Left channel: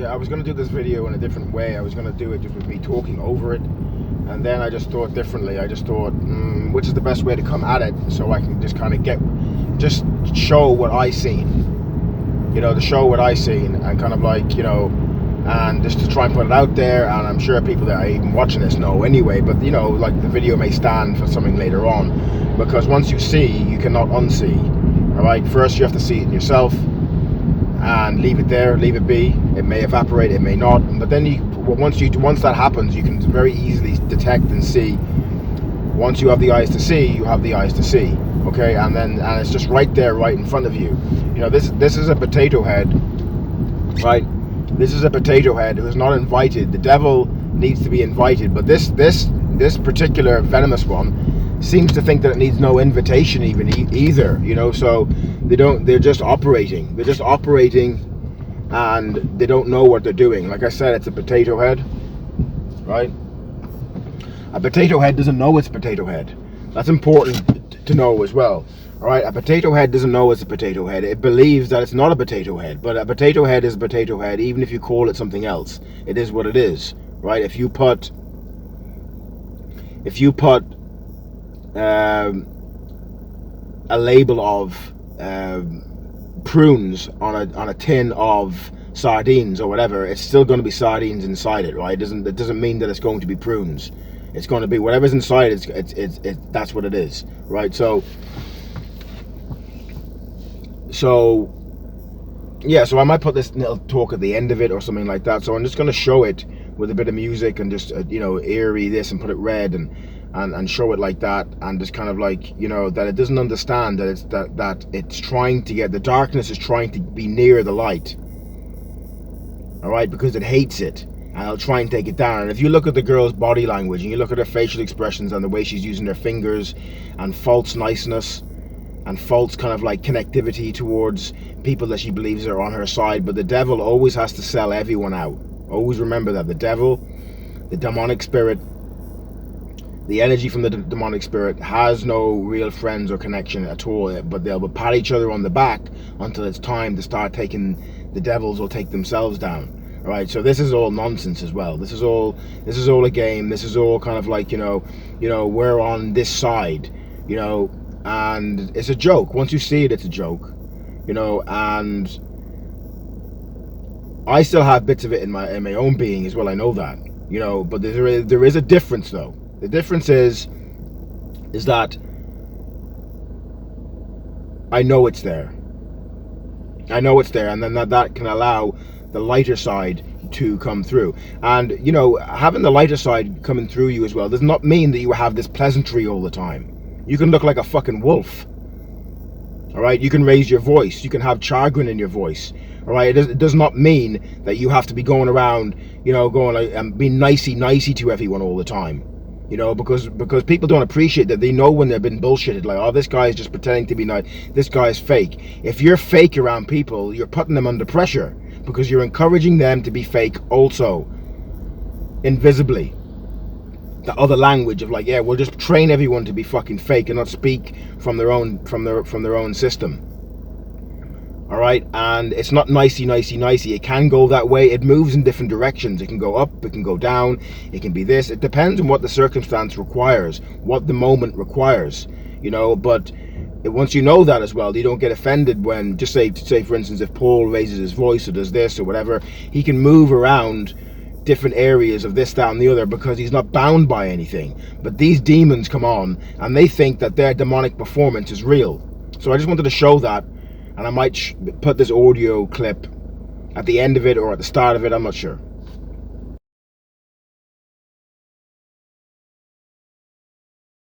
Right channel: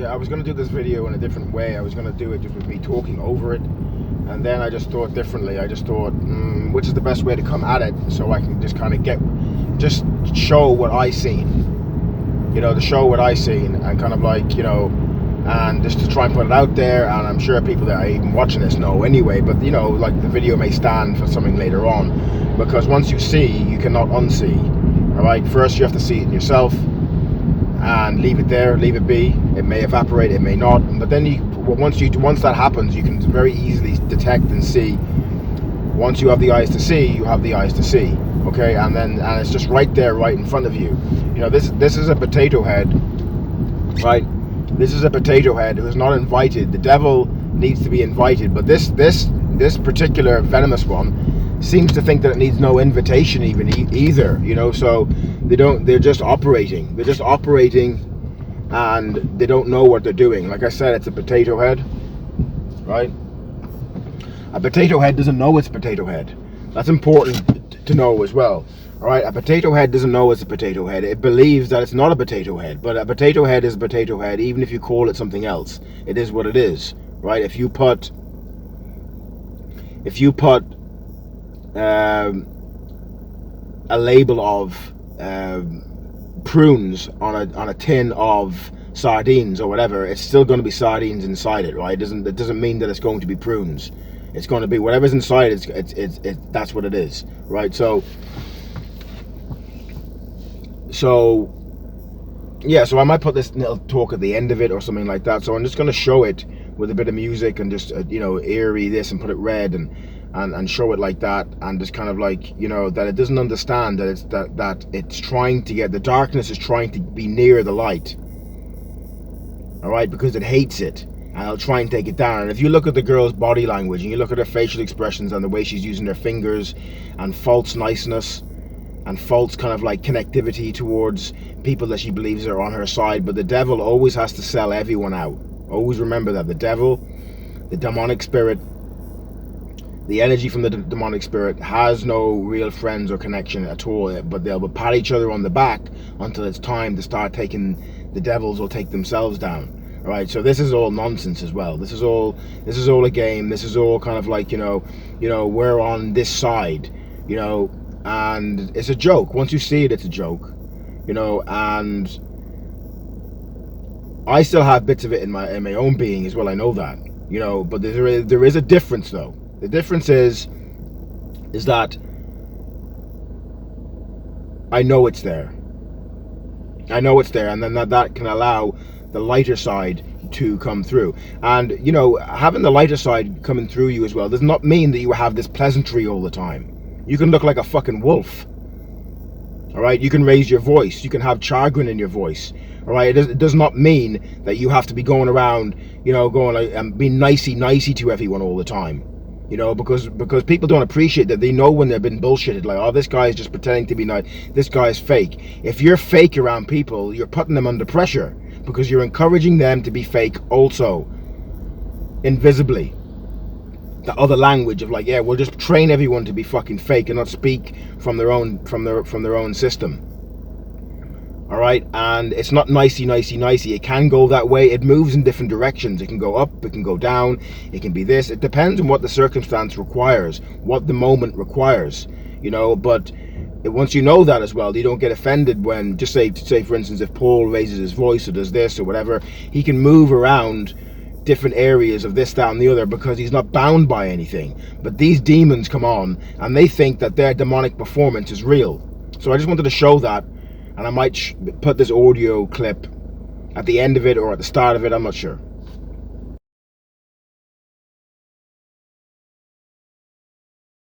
Yeah, I was going to do this video in a different way. I was going to do it just with me talking over it, and then I just thought differently. I just thought, which is the best way to come at it, so I can just kind of just show what I seen, to show what I seen, and kind of like, and just to try and put it out there. And I'm sure people that are even watching this know anyway, but like the video may stand for something later on, because once you see, you cannot unsee. All right, first you have to see it in yourself and leave it there, leave it be. It may evaporate, it may not, but then once that happens, you can very easily detect and see. Once you have the eyes to see, you have the eyes to see. Okay, and it's just right there, right in front of you. This is a potato head, right? This is a potato head who is not invited. The devil needs to be invited, but this particular venomous one seems to think that it needs no invitation either. So they're just operating, and they don't know what they're doing. Like I said, it's a potato head, right? A potato head doesn't know it's a potato head. That's important to know as well. All right, a potato head doesn't know it's a potato head. It believes that it's not a potato head, but a potato head is a potato head, even if you call it something else. It is what it is, right? If you put a label of prunes on a tin of sardines or whatever, it's still going to be sardines inside it, right? It doesn't mean that it's going to be prunes. It's going to be whatever's inside. That's what it is, right? So yeah, so I might put this little talk at the end of it or something like that. So I'm just going to show it with a bit of music and just eerie this and put it red and show it like that, and just kind of like that it doesn't understand that it's trying to get, the darkness is trying to be near the light, all right, because it hates it, and it'll try and take it down. And if you look at the girl's body language and you look at her facial expressions and the way she's using her fingers and false niceness and false kind of like connectivity towards people that she believes are on her side, but the devil always has to sell everyone out. Always remember that the devil, the demonic spirit, the energy from the demonic spirit has no real friends or connection at all, but they'll pat each other on the back until it's time to start taking, the devils will take themselves down. All right, so this is all nonsense as well. This is all a game. This is all kind of like, we're on this side, and it's a joke. Once you see it, it's a joke, and I still have bits of it in my own being as well. I know that, but there is a difference though. The difference is that I know it's there. I know it's there, and then that can allow the lighter side to come through. And having the lighter side coming through you as well does not mean that you have this pleasantry all the time. You can look like a fucking wolf. All right, you can raise your voice. You can have chagrin in your voice. All right, it does not mean that you have to be going around, going like and being nicey to everyone all the time. Because people don't appreciate that. They know when they've been bullshitted, like, oh, this guy is just pretending to be nice, this guy's fake. If you're fake around people, you're putting them under pressure, because you're encouraging them to be fake also, invisibly. The other language of like, yeah, we'll just train everyone to be fucking fake and not speak from their own system. All right, and it's not nicey. It can go that way. It moves in different directions. It can go up, it can go down, it can be this. It depends on what the circumstance requires, what the moment requires, but once you know that as well, you don't get offended when, just say for instance, if Paul raises his voice or does this or whatever, he can move around different areas of this, that and the other, because he's not bound by anything. But these demons come on and they think that their demonic performance is real. So I just wanted to show that. And I might put this audio clip at the end of it or at the start of it, I'm not sure.